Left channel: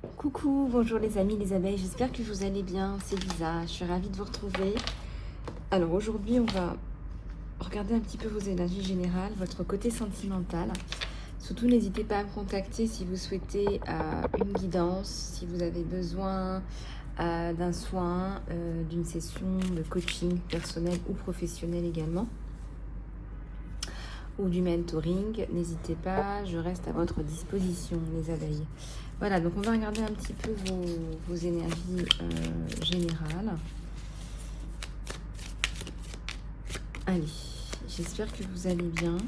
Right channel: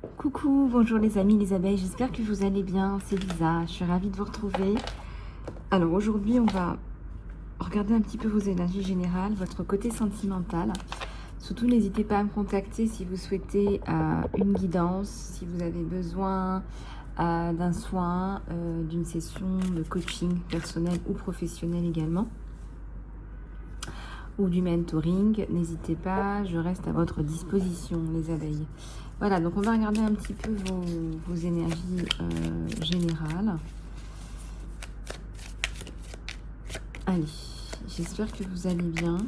Coucou, bonjour les amis, les abeilles, j'espère que vous allez bien, c'est Lisa, je suis ravie de vous retrouver. Alors aujourd'hui on va regarder un petit peu vos énergies générales, votre côté sentimental. Surtout n'hésitez pas à me contacter si vous souhaitez une guidance, si vous avez besoin d'un soin, d'une session de coaching personnel ou professionnel également, ou du mentoring, n'hésitez pas, je reste à votre disposition les abeilles. Voilà, donc on va regarder un petit peu vos énergies générales. Allez, j'espère que vous allez bien.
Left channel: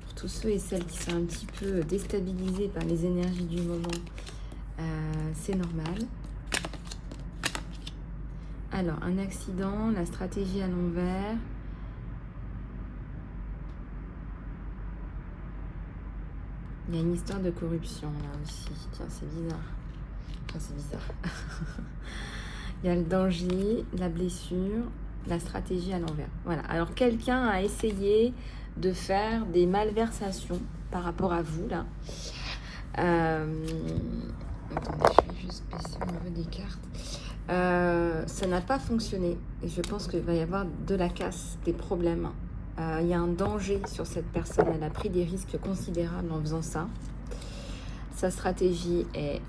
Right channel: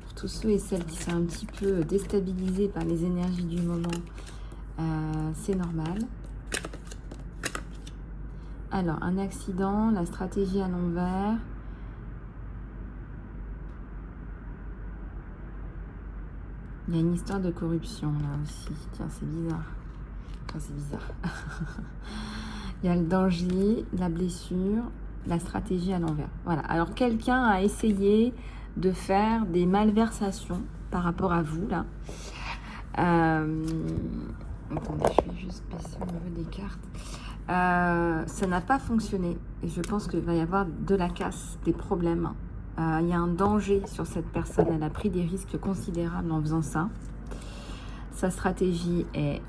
Pour tous ceux et celles qui sont un petit peu déstabilisés par les énergies du moment, c'est normal. Alors, un accident, la stratégie à l'envers. Il y a une histoire de corruption là aussi. Tiens, c'est bizarre. Enfin, c'est bizarre. Il y a le danger, la blessure, la stratégie à l'envers. Voilà. Alors, quelqu'un a essayé de faire des malversations par rapport à vous, là. Attendez, je vais juste baisser au niveau des cartes. Ça n'a pas fonctionné. Et je pense qu'il va y avoir de la casse, des problèmes. Il y a un danger sur cette personne. Elle a pris des risques considérables en faisant ça. Sa stratégie est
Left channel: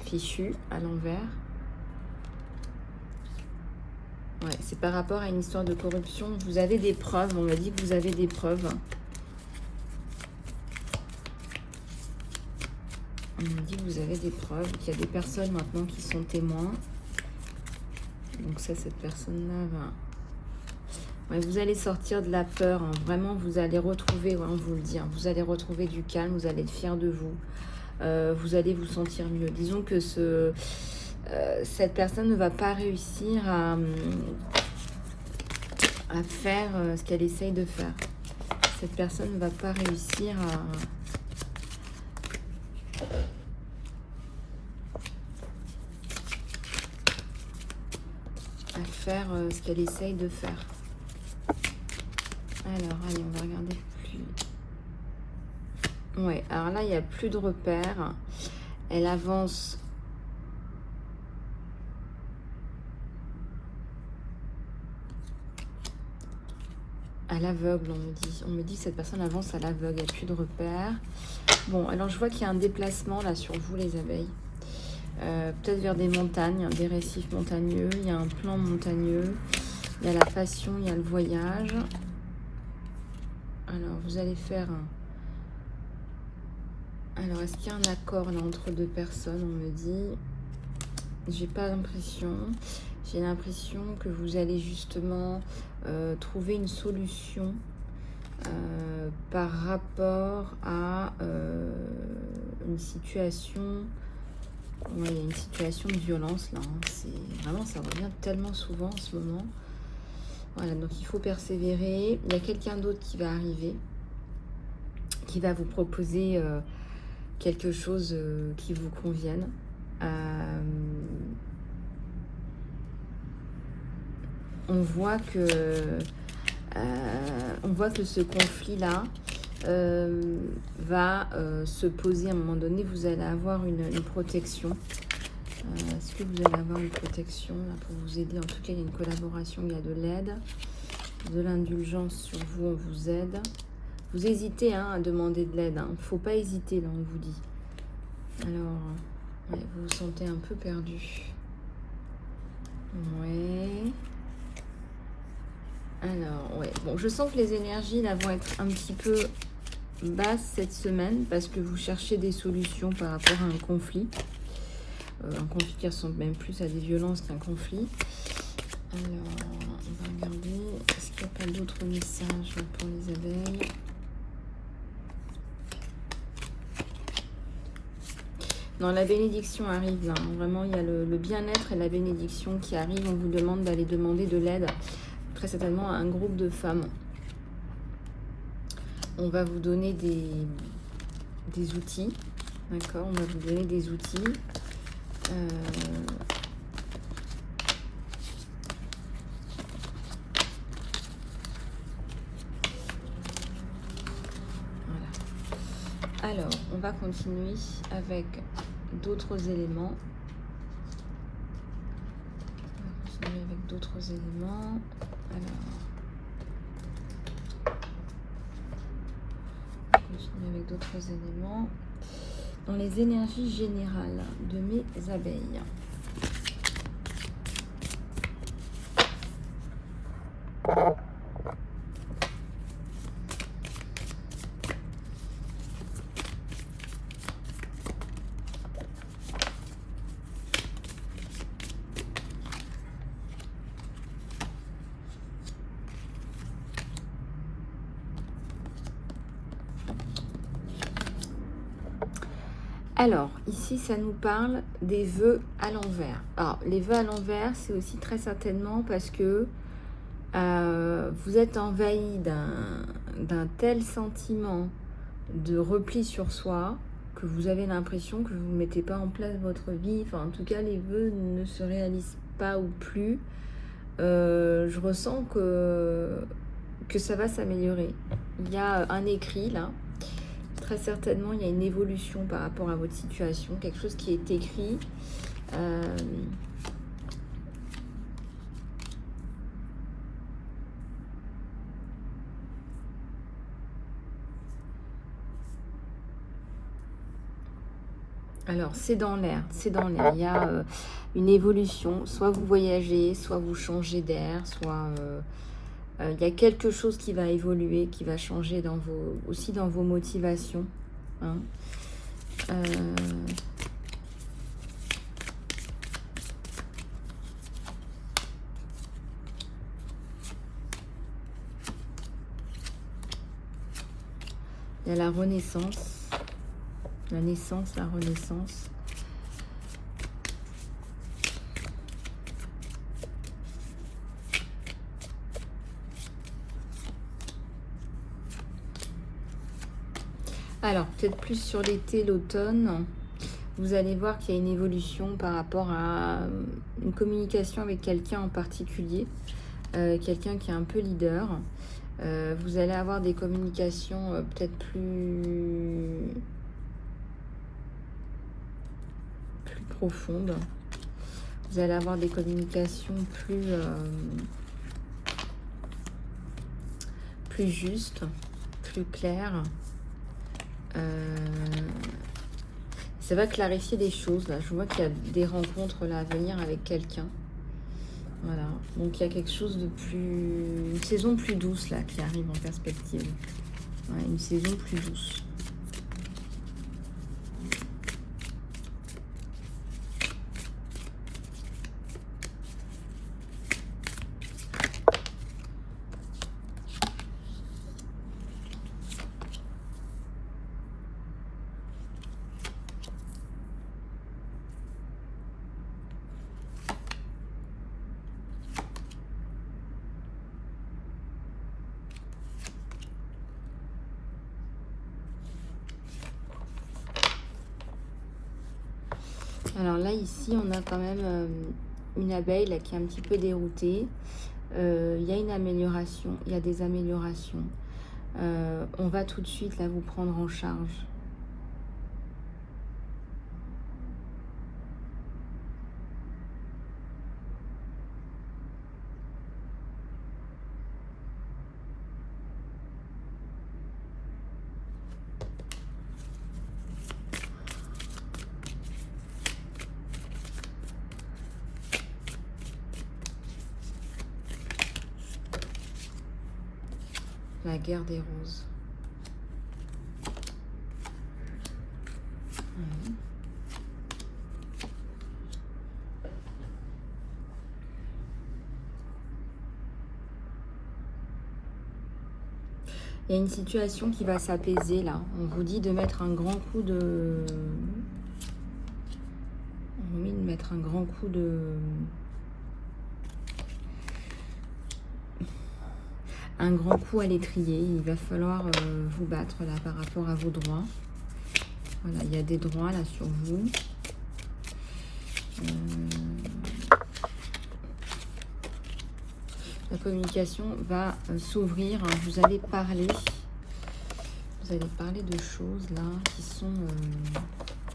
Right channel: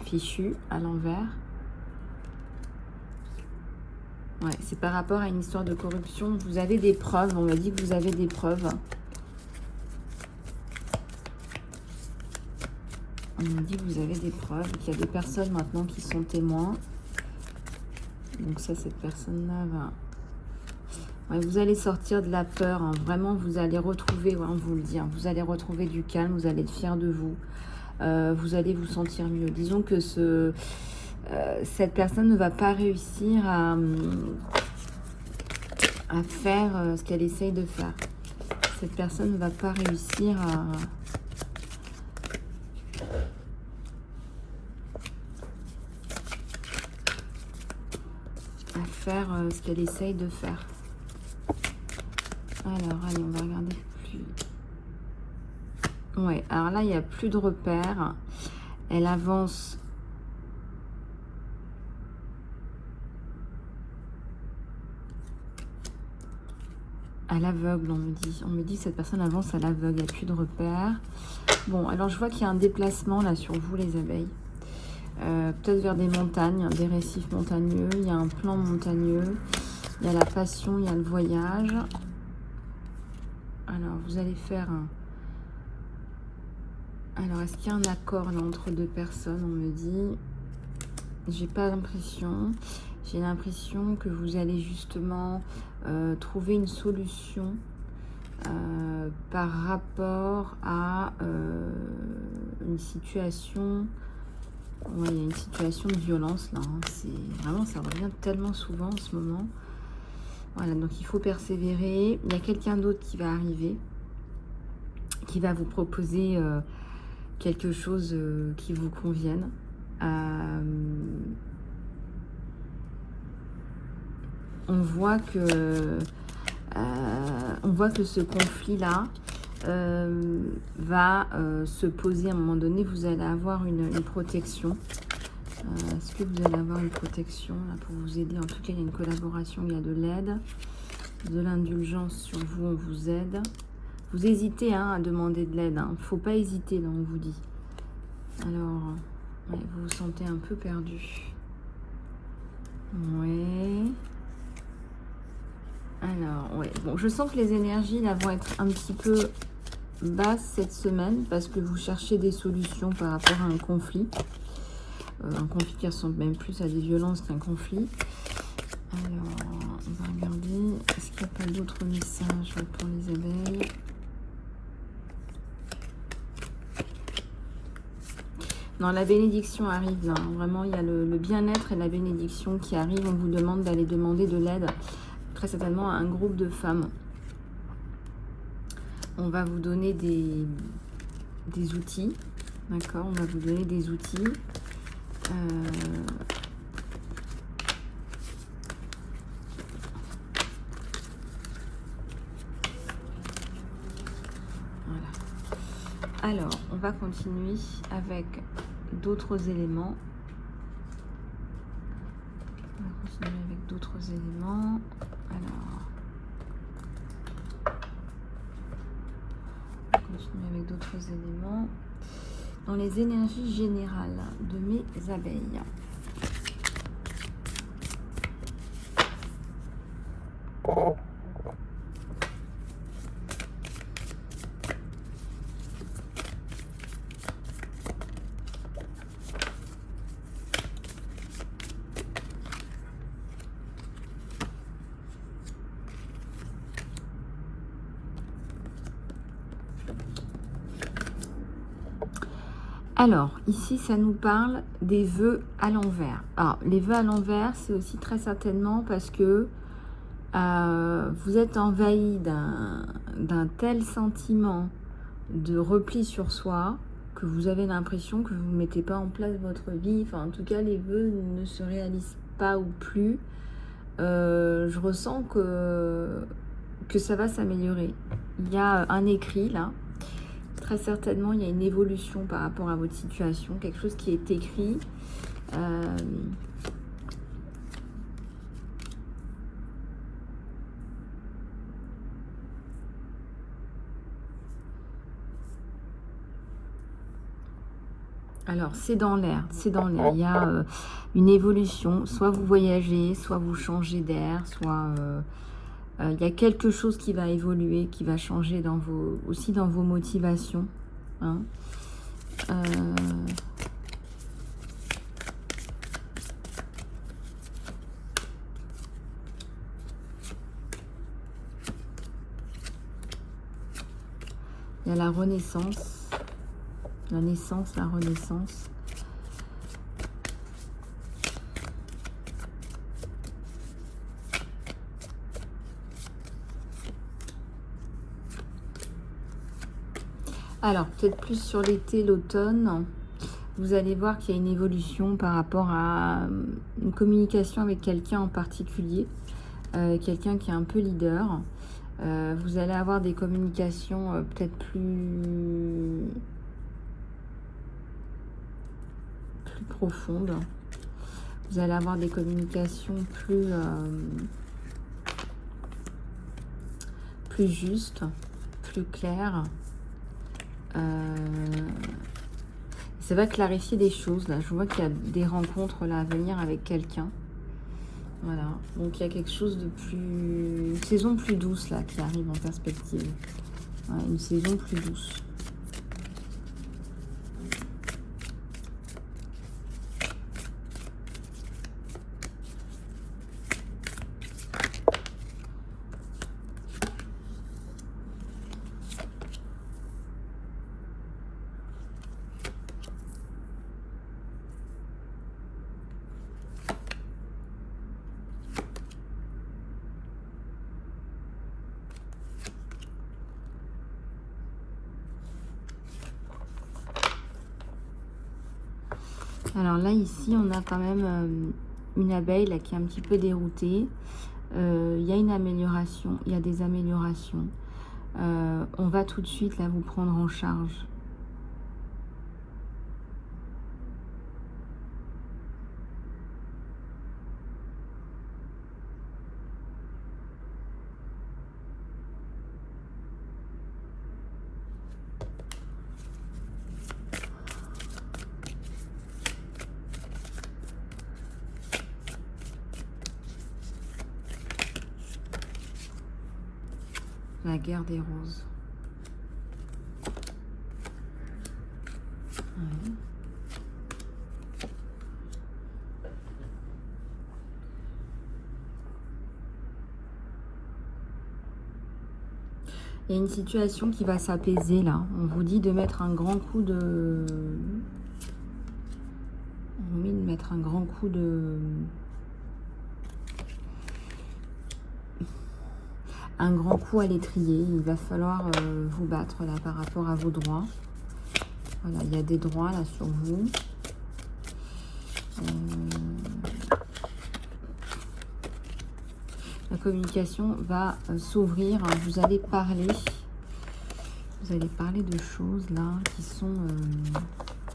fichue à l'envers. Ouais, c'est par rapport à une histoire de corruption. Vous avez des preuves. On m'a dit que vous avez des preuves. On m'a dit que vous avez des preuves. Qu'il y a des personnes maintenant qui sont témoins. Donc ça, cette personne-là va... Ouais, vous allez sortir de la peur, hein. Vraiment vous allez retrouver, ouais, on vous le dit, hein, vous allez retrouver du calme, vous allez être fier de vous, vous allez vous sentir mieux. Disons que cette personne ne va pas réussir à faire ce qu'elle essaye de faire. Cette personne ne va pas réussir à faire ce qu'elle essaye de faire. Alors, allez, on va regarder plus. Ouais, alors là, il n'y a plus de repères. Elle avance. À l'aveugle, on me dit. On me dit que cette personne avance à l'aveugle, il n'y a plus de repères. Bon, alors je vois qu'il y a un déplacement là sur vous, les abeilles. Peut-être vers des montagnes, des récifs montagneux. Il y a un plan montagneux. Il y a la passion, il y a le voyage. Alors, vous allez faire un... Alors, est-ce qu'il y a un accord là, entre deux personnes? On me dit... J'ai pas l'impression. J'ai l'impression que vous allez justement trouver une solution par rapport à une situation... Ouais, il y a une situation de violence là. Hein. C'est vraiment, ça revient tellement souvent en ce moment. Voilà, donc il faut persévérer. Il y a quelqu'un d'autre qui va arriver, qui va vous proposer quelque chose qui vous convienne. On voit que ce conflit-là va se poser à un moment donné. Vous allez avoir une protection. Est-ce que vous allez avoir une protection là, pour vous aider? En tout cas, il y a une collaboration, il y a de l'aide, de l'indulgence sur vous, on vous aide. Vous hésitez hein, à demander de l'aide. Il ne faut pas hésiter, là, on vous dit. Alors, ouais, vous vous sentez un peu perdu. Ouais. Alors, ouais. Bon, je sens que les énergies là, vont être un petit peu basses cette semaine parce que vous cherchez des solutions par rapport à un conflit. Un conflit qui ressemble même plus à des violences qu'un conflit. Alors, on va regarder. Est-ce qu'il y a pas d'autres messages pour les abeilles? Non, la bénédiction arrive. Hein. Vraiment, il y a le bien-être et la bénédiction qui arrive. On vous demande d'aller demander de l'aide, très certainement à un groupe de femmes. On va vous donner des outils. D'accord? On va vous donner des outils. Voilà. Alors, on va continuer avec d'autres éléments. On va continuer avec d'autres éléments. Alors, on va continuer avec d'autres éléments. Dans les énergies générales de mes abeilles. Alors, ici, ça nous parle des vœux à l'envers. Alors, les vœux à l'envers, c'est aussi très certainement parce que vous êtes envahi d'un tel sentiment de repli sur soi que vous avez l'impression que vous ne mettez pas en place votre vie. Enfin, en tout cas, les vœux ne se réalisent pas ou plus. Je ressens que ça va s'améliorer. Il y a un écrit là. Très certainement, il y a une évolution par rapport à votre situation, quelque chose qui est écrit. Alors, c'est dans l'air, c'est dans l'air. Il y a une évolution. Soit vous voyagez, soit vous changez d'air, soit... il y a quelque chose qui va évoluer, qui va changer aussi dans vos motivations. Hein. Il y a la renaissance, la naissance, la renaissance. Alors, peut-être plus sur l'été, l'automne, vous allez voir qu'il y a une évolution par rapport à une communication avec quelqu'un en particulier, quelqu'un qui est un peu leader. Vous allez avoir des communications peut-être plus profondes. Vous allez avoir des communications plus justes, plus claires. Ça va clarifier des choses là. Je vois qu'il y a des rencontres là à venir avec quelqu'un. Voilà. Donc il y a quelque chose de plus... Une saison plus douce là qui arrive en perspective. Ouais, une saison plus douce. Alors là, ici, on a quand même une abeille là, qui est un petit peu déroutée. Il y a une amélioration, il y a des améliorations. On va tout de suite là vous prendre en charge. La guerre des roses. Il y a une situation qui va s'apaiser là. On vous dit de mettre un grand coup de... On vous dit de mettre un grand coup de... Un grand coup à l'étrier. Il va falloir vous battre là par rapport à vos droits. Voilà, il y a des droits là sur vous. La communication va s'ouvrir. Vous allez parler de choses là qui sont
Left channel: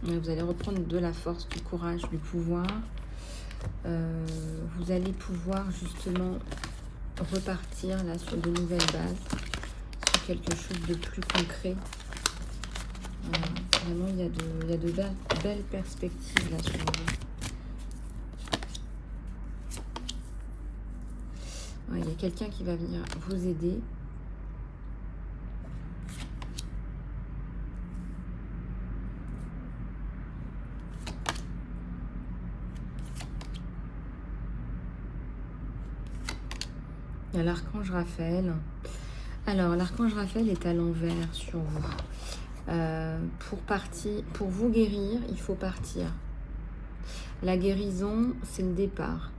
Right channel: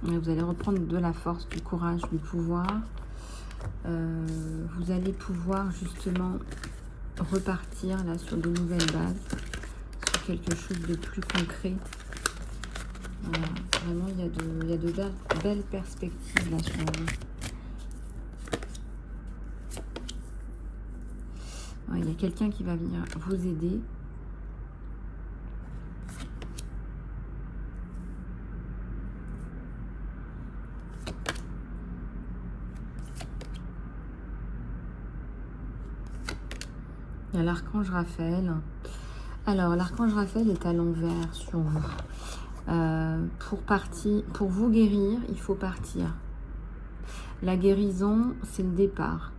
Vous allez reprendre de la force, du courage, du pouvoir. Vous allez pouvoir justement repartir là sur de nouvelles bases, sur quelque chose de plus concret. Vraiment, il y a de belles perspectives là sur vous. Il y a quelqu'un qui va venir vous aider. Il y a l'archange Raphaël. Alors, l'archange Raphaël est à l'envers sur vous. Pour vous guérir, il faut partir. La guérison, c'est le départ.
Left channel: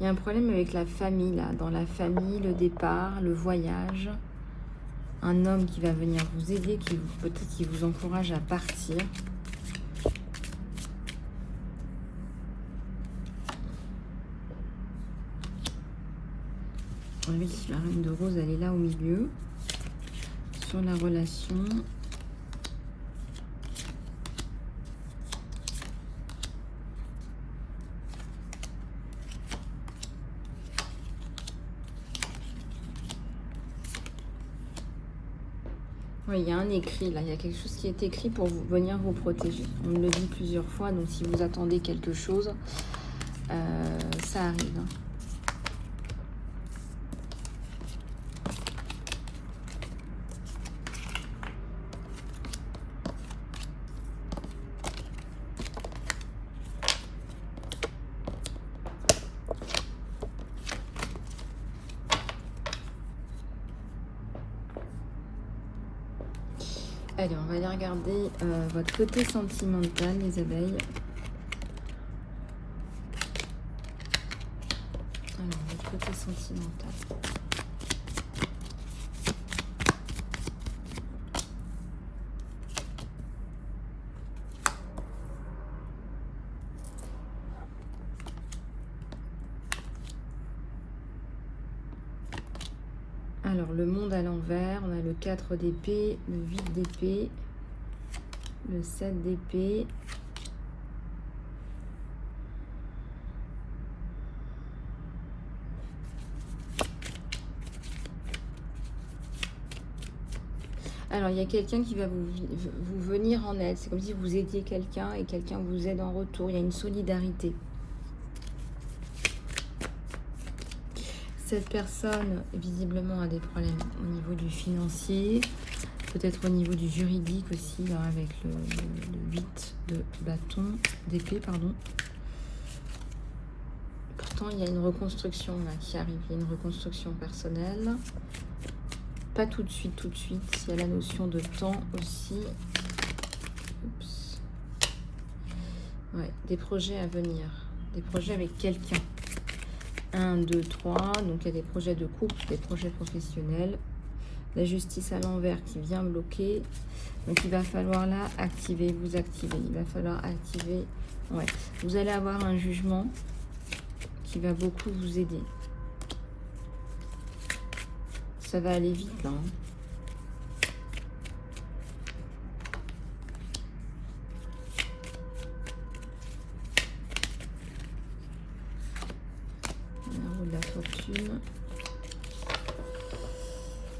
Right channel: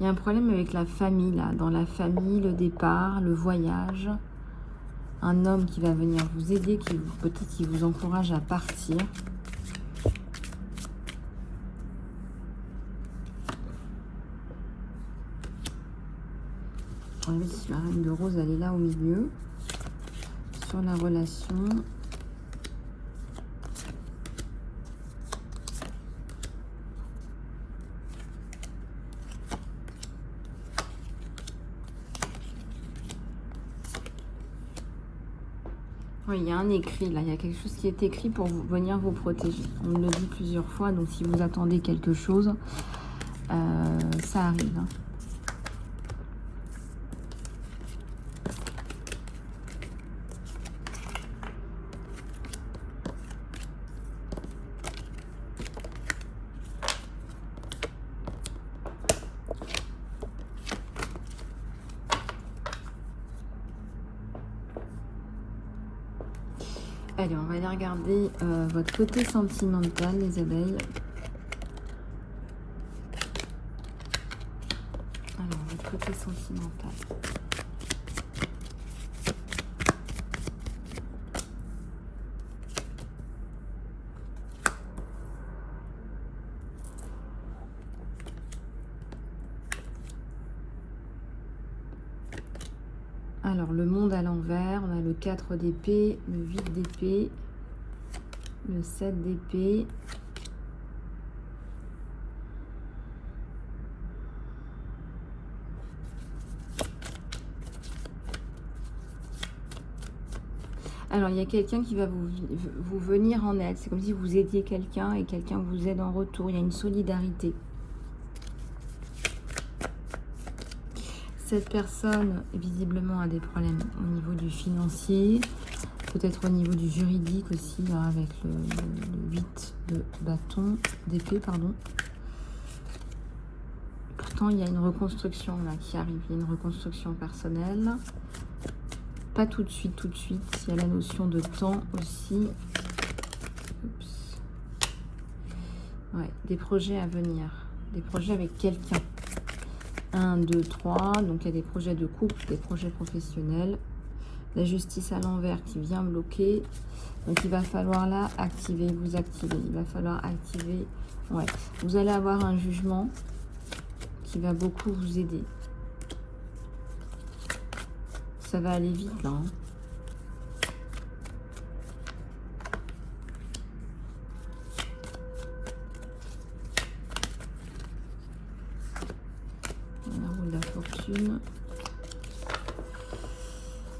Il y a un problème avec la famille, là. Dans la famille, le départ, le voyage. Un homme qui va venir vous aider, peut-être qui vous encourage à partir. Oui, la reine de rose, elle est là au milieu. Sur la relation. Oui, il y a un écrit là, il y a quelque chose qui est écrit pour venir vous protéger. On me le dit plusieurs fois, donc si vous attendez quelque chose, ça arrive. Allez, on va aller regarder votre côté sentimental, les abeilles. Alors, votre côté sentimental. Alors, le monde à l'envers, on a le 4 d'épée, le 8 d'épée, le 7 d'épée. Alors, il y a quelqu'un qui va vous venir en aide. C'est comme si vous aidiez quelqu'un et quelqu'un vous aide en retour. Il y a une solidarité. Cette personne, visiblement, a des problèmes au niveau du financier, peut-être au niveau du juridique aussi, avec le 8 de bâton, d'épée, pardon. Pourtant, il y a une reconstruction là, qui arrive, il y a une reconstruction personnelle. Pas tout de suite, tout de suite. Il y a la notion de temps aussi. Oups. Ouais, des projets à venir, des projets avec quelqu'un. 1, 2, 3, donc il y a des projets de couple, des projets professionnels. La justice à l'envers qui vient bloquer. Donc il va falloir là activer, vous activer. Il va falloir activer. Ouais. Vous allez avoir un jugement qui va beaucoup vous aider. Ça va aller vite là. La fortune.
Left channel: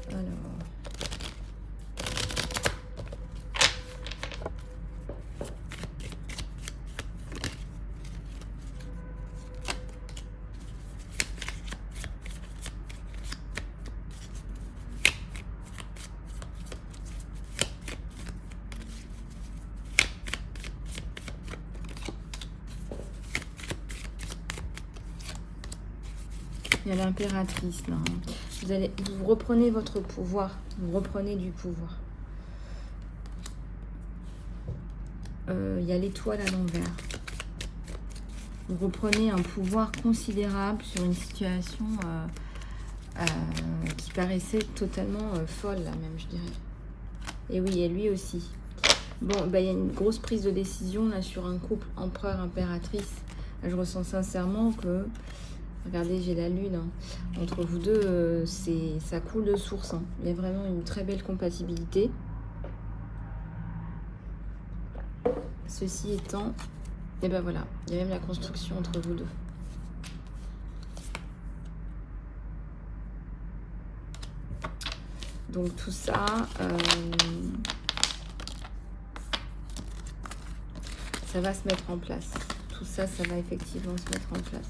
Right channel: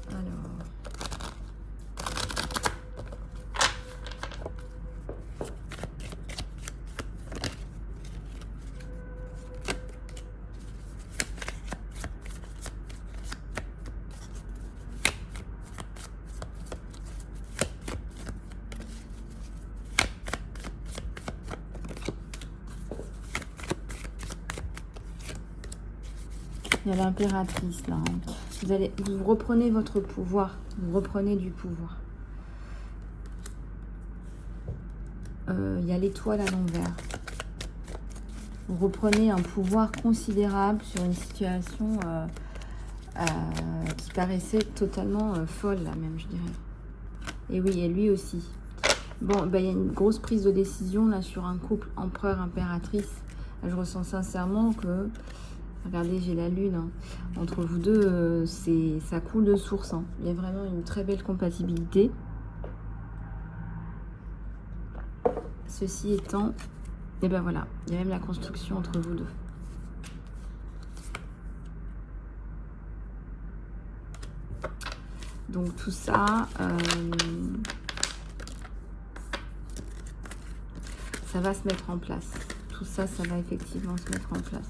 Alors. Il y a l'impératrice là. Vous reprenez votre pouvoir. Vous reprenez du pouvoir. Il y a l'étoile à l'envers. Vous reprenez un pouvoir considérable sur une situation qui paraissait totalement folle là même, je dirais. Et oui, et lui aussi. Bon, ben, il y a une grosse prise de décision là sur un couple empereur-impératrice. Je ressens sincèrement que... Regardez, j'ai la lune. Hein. Entre vous deux, ça coule de source. Hein. Il y a vraiment une très belle compatibilité. Ceci étant, et bien voilà, il y a même la construction entre vous deux. Donc tout ça, ça va se mettre en place. Tout ça, ça va effectivement se mettre en place.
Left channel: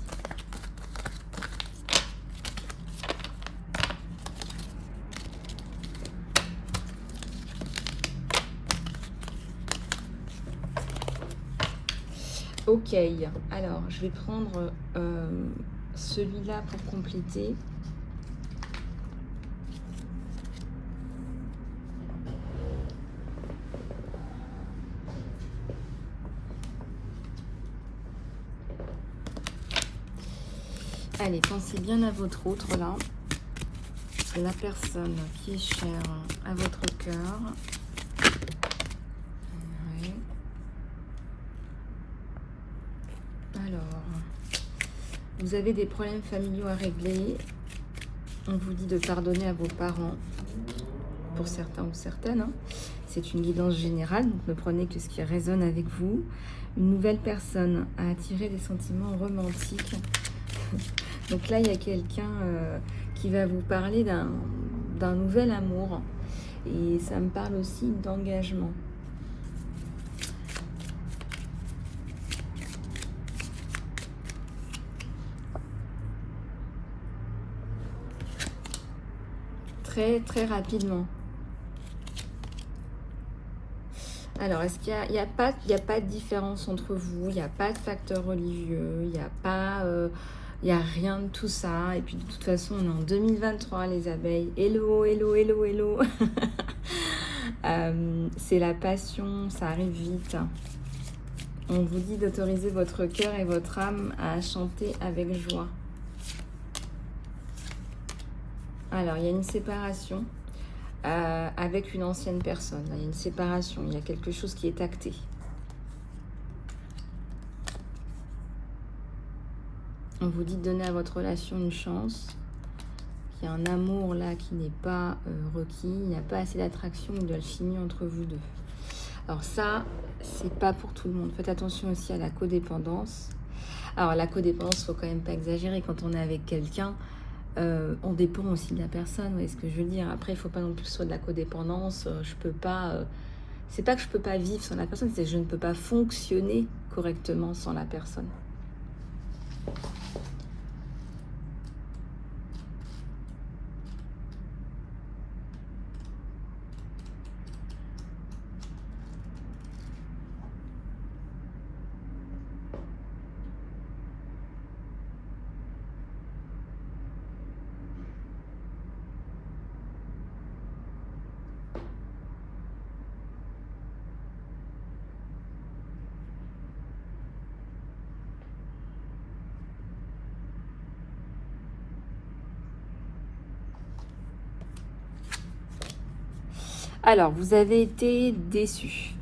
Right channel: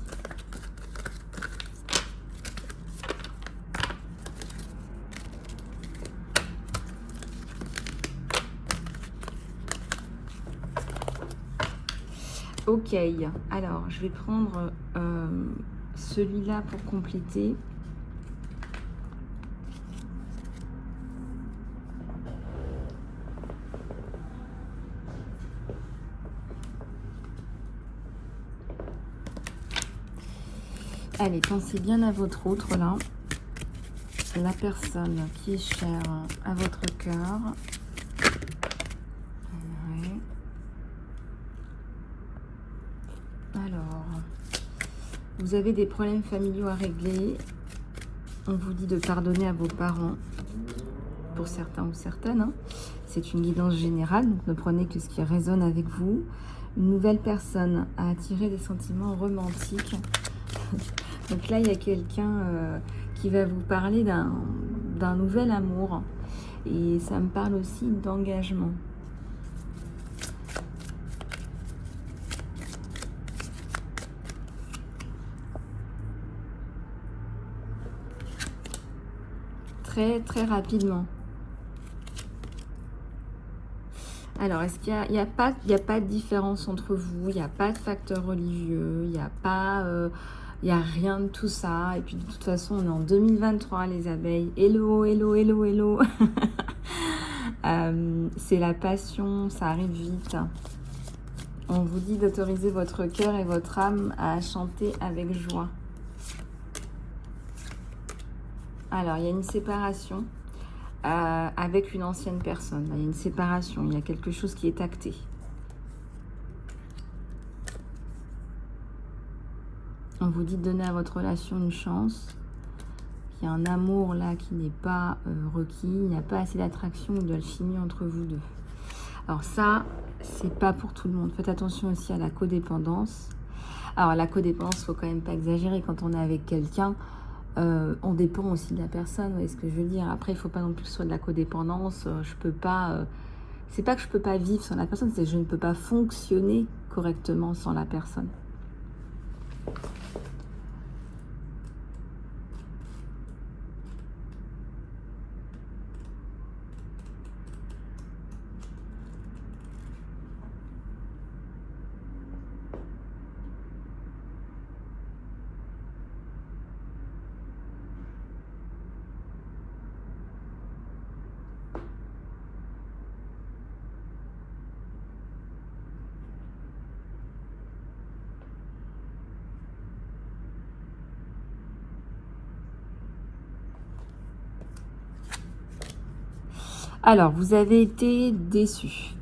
Ok, alors je vais prendre celui-là pour compléter. Allez, pensez bien à votre autre là, la personne qui est chère à votre cœur. Ouais. Alors, vous avez des problèmes familiaux à régler. On vous dit de pardonner à vos parents, pour certains ou certaines. Hein. C'est une guidance générale, donc ne prenez que ce qui résonne avec vous. Une nouvelle personne a attiré des sentiments romantiques. Donc là, il y a quelqu'un qui va vous parler d'un nouvel amour. Et ça me parle aussi d'engagement. Très, très rapidement. Alors, est-ce qu'il n'y a pas de différence entre vous? Il n'y a pas de facteur religieux, il n'y a pas... il n'y a rien de tout ça. Et puis, de toute façon, on est en 2023, les abeilles. Hello, hello, hello, hello. C'est la passion, ça arrive vite. On vous dit d'autoriser votre cœur et votre âme à chanter avec joie. Alors, il y a une séparation avec une ancienne personne. Il y a une séparation, il y a quelque chose qui est acté. On vous dit de donner à votre relation une chance. Il y a un amour là qui n'est pas requis. Il n'y a pas assez d'attraction ou d'alchimie entre vous deux. Alors ça, c'est pas pour tout le monde. Faites attention aussi à la codépendance. Alors la codépendance, faut quand même pas exagérer. Quand on est avec quelqu'un, on dépend aussi de la personne. Vous voyez ce que je veux dire? Après, il faut pas non plus sur de la codépendance. Je peux pas... c'est pas que je peux pas vivre sans la personne, c'est que je ne peux pas fonctionner correctement sans la personne. Alors, vous avez été déçu.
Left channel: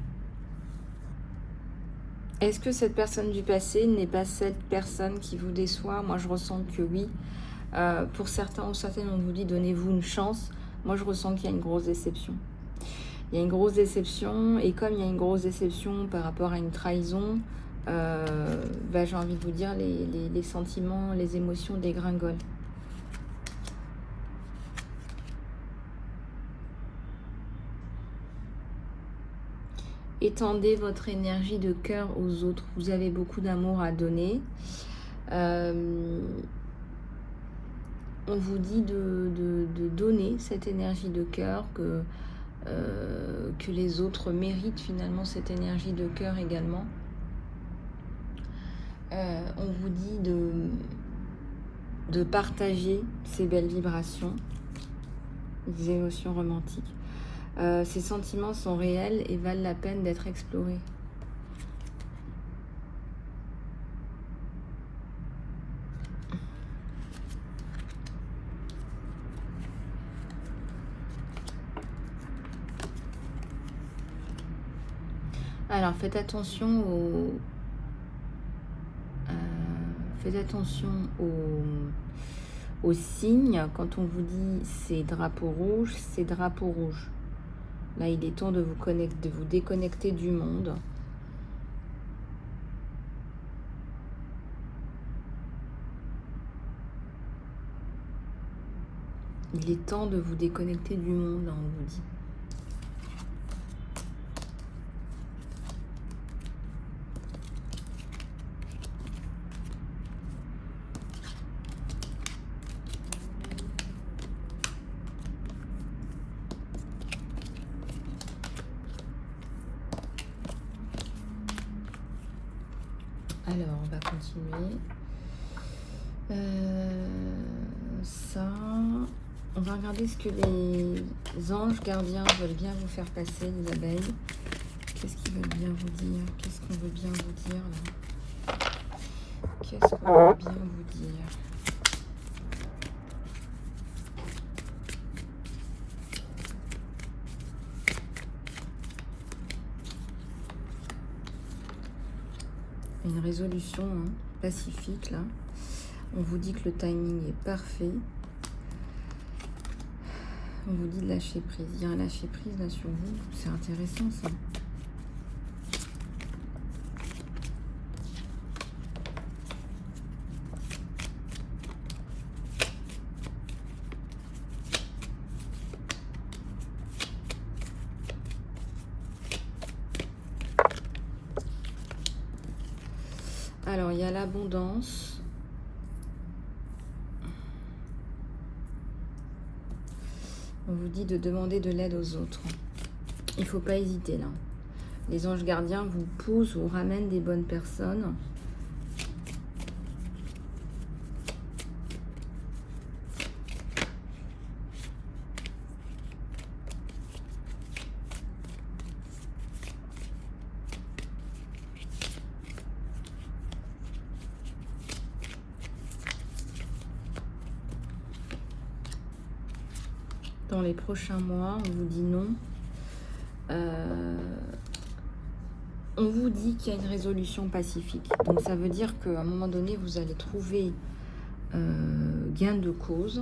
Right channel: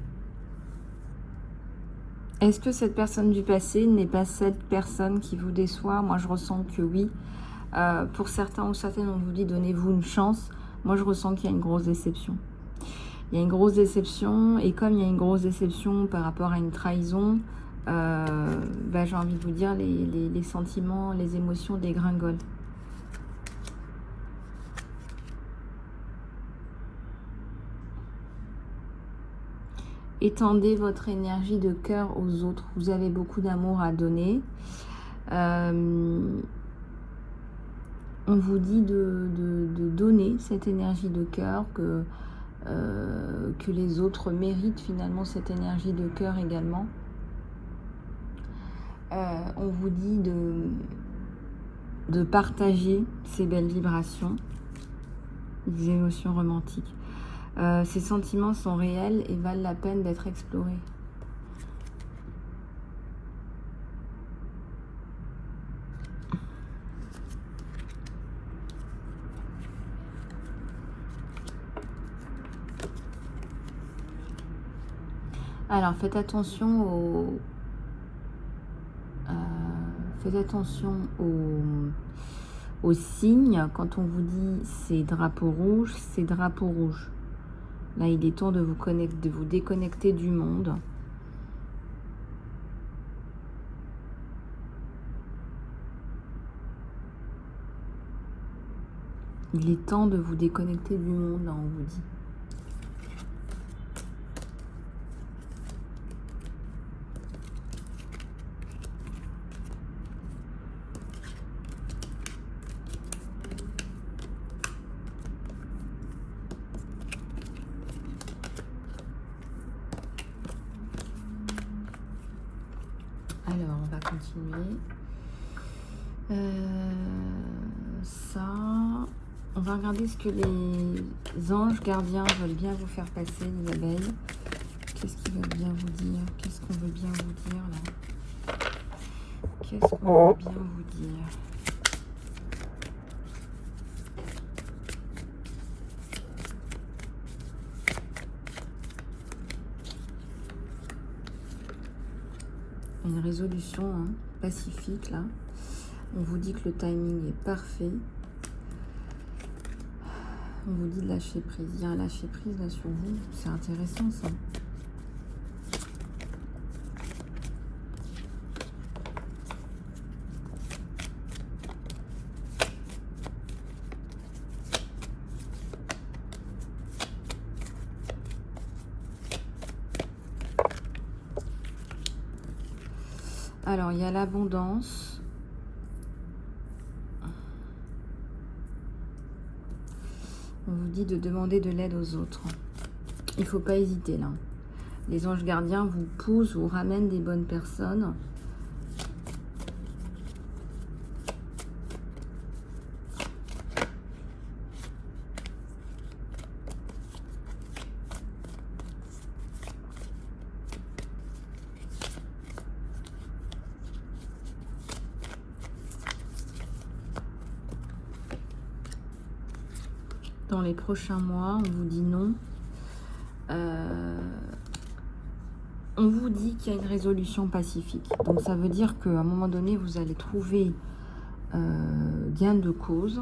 Est-ce que cette personne du passé n'est pas cette personne qui vous déçoit? Moi, je ressens que oui. Pour certains ou certaines, on vous dit donnez-vous une chance. Moi, je ressens qu'il y a une grosse déception. Il y a une grosse déception, et comme il y a une grosse déception par rapport à une trahison, j'ai envie de vous dire, les sentiments, les émotions dégringolent. Étendez votre énergie de cœur aux autres. Vous avez beaucoup d'amour à donner. On vous dit de donner cette énergie de cœur, que les autres méritent finalement cette énergie de cœur également. On vous dit de partager ces belles vibrations, des émotions romantiques. Ces sentiments sont réels et valent la peine d'être explorés. Alors, faites attention aux signes. Quand on vous dit c'est drapeau rouge, c'est drapeau rouge. Là, il est temps de vous déconnecter du monde. Il est temps de vous déconnecter du monde, là, on vous dit. Alors, on va continuer. Ça, on va regarder ce que les anges gardiens veulent bien vous faire passer, les abeilles. Qu'est-ce qu'ils veulent bien vous dire? Qu'est-ce qu'on veut bien vous dire là? Qu'est-ce qu'on veut bien vous dire? Une résolution hein, pacifique là. On vous dit que le timing est parfait. On vous dit de lâcher prise. Il y a un lâcher prise là sur vous. C'est intéressant ça. Alors, il y a l'abondance. On vous dit de demander de l'aide aux autres. Il ne faut pas hésiter là. Les anges gardiens vous poussent, vous ramènent des bonnes personnes. Dans les prochains mois, on vous dit non. On vous dit qu'il y a une résolution pacifique. Donc ça veut dire qu'à un moment donné, vous allez trouver gain de cause.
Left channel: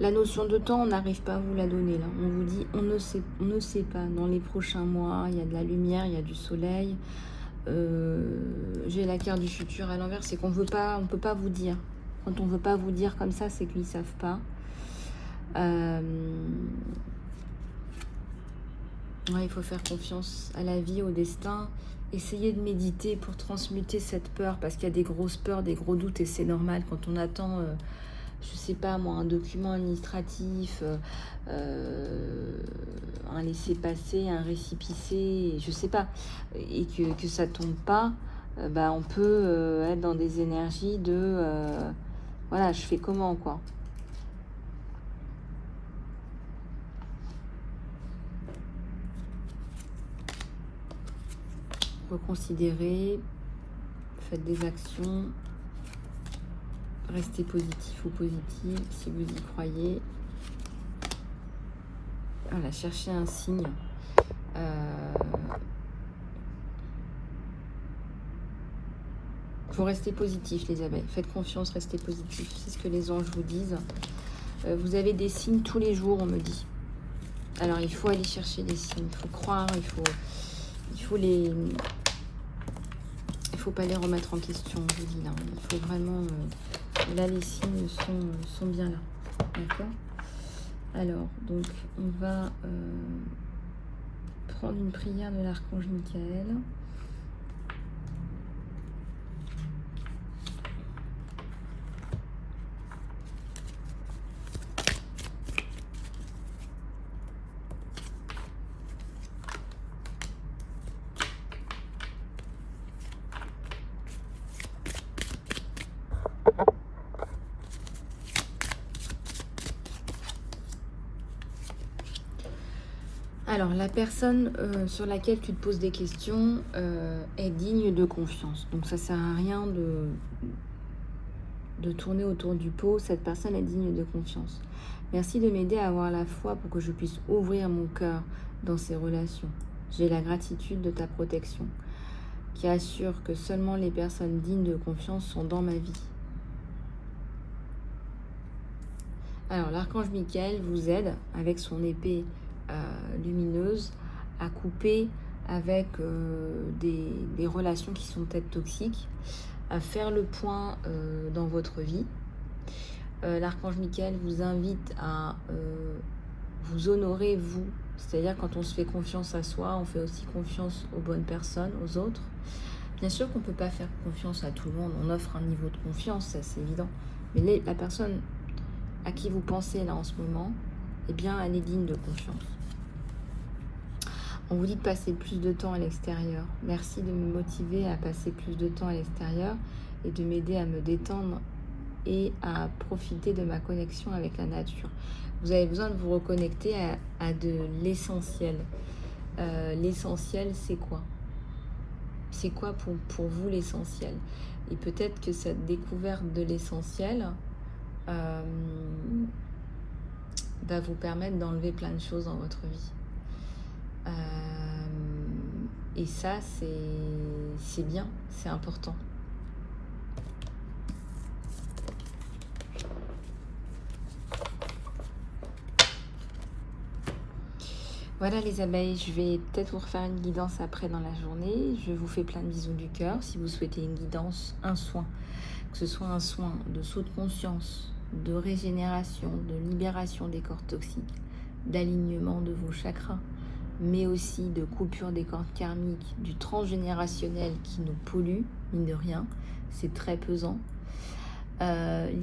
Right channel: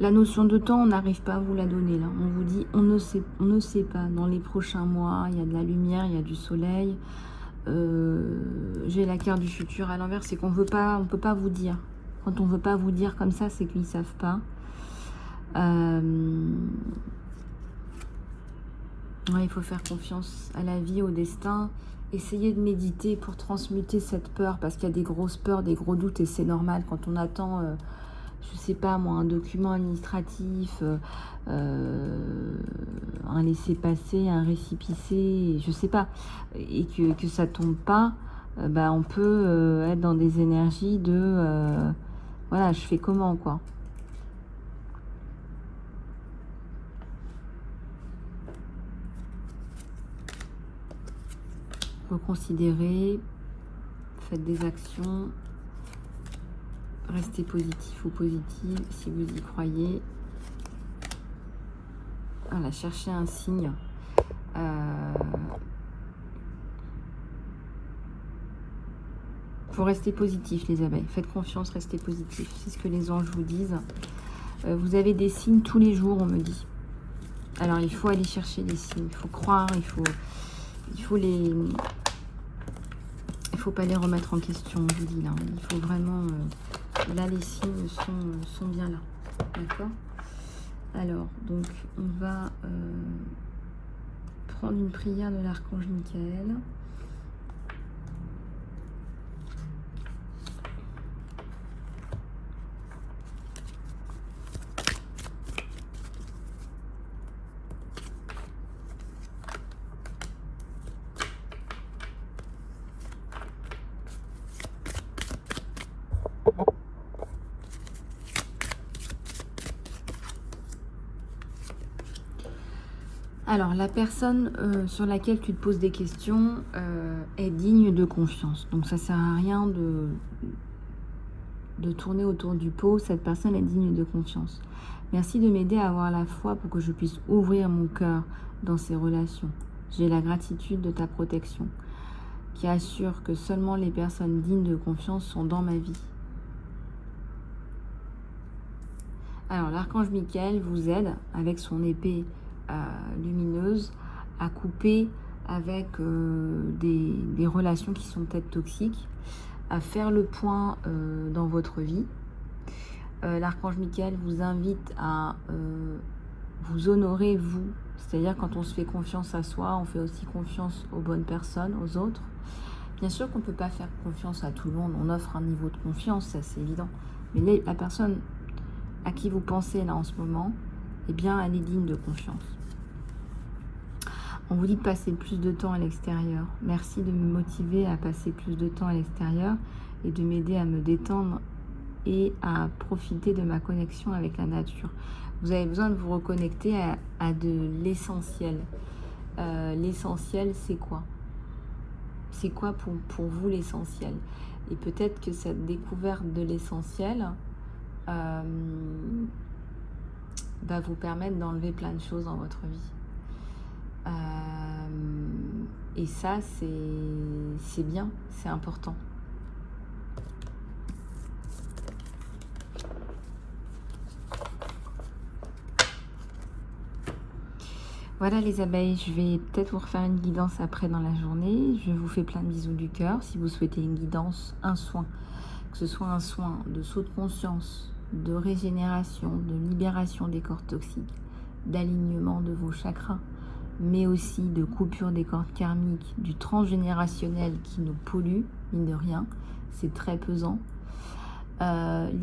La notion de temps, on n'arrive pas à vous la donner là. On vous dit, on ne sait pas. Dans les prochains mois, il y a de la lumière, il y a du soleil. J'ai la carte du futur à l'envers, c'est qu'on ne peut pas vous dire. Quand on ne veut pas vous dire comme ça, c'est qu'ils ne savent pas. Ouais, il faut faire confiance à la vie, au destin. Essayez de méditer pour transmuter cette peur, parce qu'il y a des grosses peurs, des gros doutes, et c'est normal quand on attend, je sais pas moi, un document administratif, un laissez-passer, un récépissé, je sais pas, et que ça tombe pas, bah on peut être dans des énergies de voilà, je fais comment quoi. Reconsidérez, faites des actions, restez positif ou positive si vous y croyez. Voilà, cherchez un signe. Il faut rester positif les abeilles, faites confiance, restez positif, c'est ce que les anges vous disent. Vous avez des signes tous les jours, on me dit. Alors il faut aller chercher des signes, il faut croire, il faut pas les remettre en question, je dis là. Il faut vraiment, là les signes sont bien là, d'accord. Alors donc on va prendre une prière de l'archange Michael. Alors, la personne sur laquelle tu te poses des questions est digne de confiance. Donc, ça ne sert à rien de tourner autour du pot. Cette personne est digne de confiance. Merci de m'aider à avoir la foi pour que je puisse ouvrir mon cœur dans ces relations. J'ai la gratitude de ta protection qui assure que seulement les personnes dignes de confiance sont dans ma vie. Alors, l'archange Michael vous aide avec son épée lumineuse à couper avec des relations qui sont peut-être toxiques, à faire le point dans votre vie. L'archange Michael vous invite à vous honorer, vous. C'est-à-dire quand on se fait confiance à soi, on fait aussi confiance aux bonnes personnes, aux autres. Bien sûr qu'on ne peut pas faire confiance à tout le monde, on offre un niveau de confiance, ça c'est évident. Mais la personne à qui vous pensez là en ce moment, eh bien elle est digne de confiance. On vous dit de passer plus de temps à l'extérieur. Merci de me motiver à passer plus de temps à l'extérieur et de m'aider à me détendre et à profiter de ma connexion avec la nature. Vous avez besoin de vous reconnecter à de l'essentiel. L'essentiel, c'est quoi? C'est quoi pour vous l'essentiel? Et peut-être que cette découverte de l'essentiel va vous permettre d'enlever plein de choses dans votre vie. Et ça, c'est bien, c'est important. Voilà les abeilles, je vais peut-être vous refaire une guidance après dans la journée. Je vous fais plein de bisous du cœur. Si vous souhaitez une guidance, un soin, que ce soit un soin de saut de conscience, de régénération, de libération des cordes toxiques, d'alignement de vos chakras, mais aussi de coupure des cordes karmiques, du transgénérationnel qui nous pollue, mine de rien, c'est très pesant.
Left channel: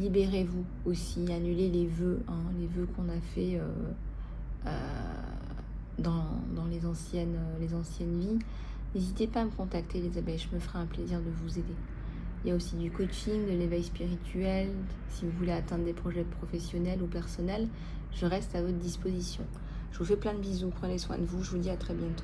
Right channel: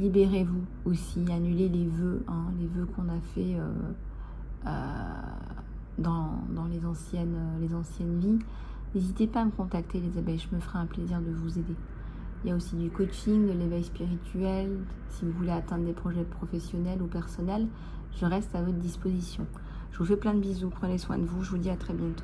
Libérez-vous aussi, annulez les vœux qu'on a fait dans les anciennes vies. N'hésitez pas à me contacter les abeilles, je me ferai un plaisir de vous aider. Il y a aussi du coaching, de l'éveil spirituel. Si vous voulez atteindre des projets professionnels ou personnels, je reste à votre disposition. Je vous fais plein de bisous, prenez soin de vous, je vous dis à très bientôt.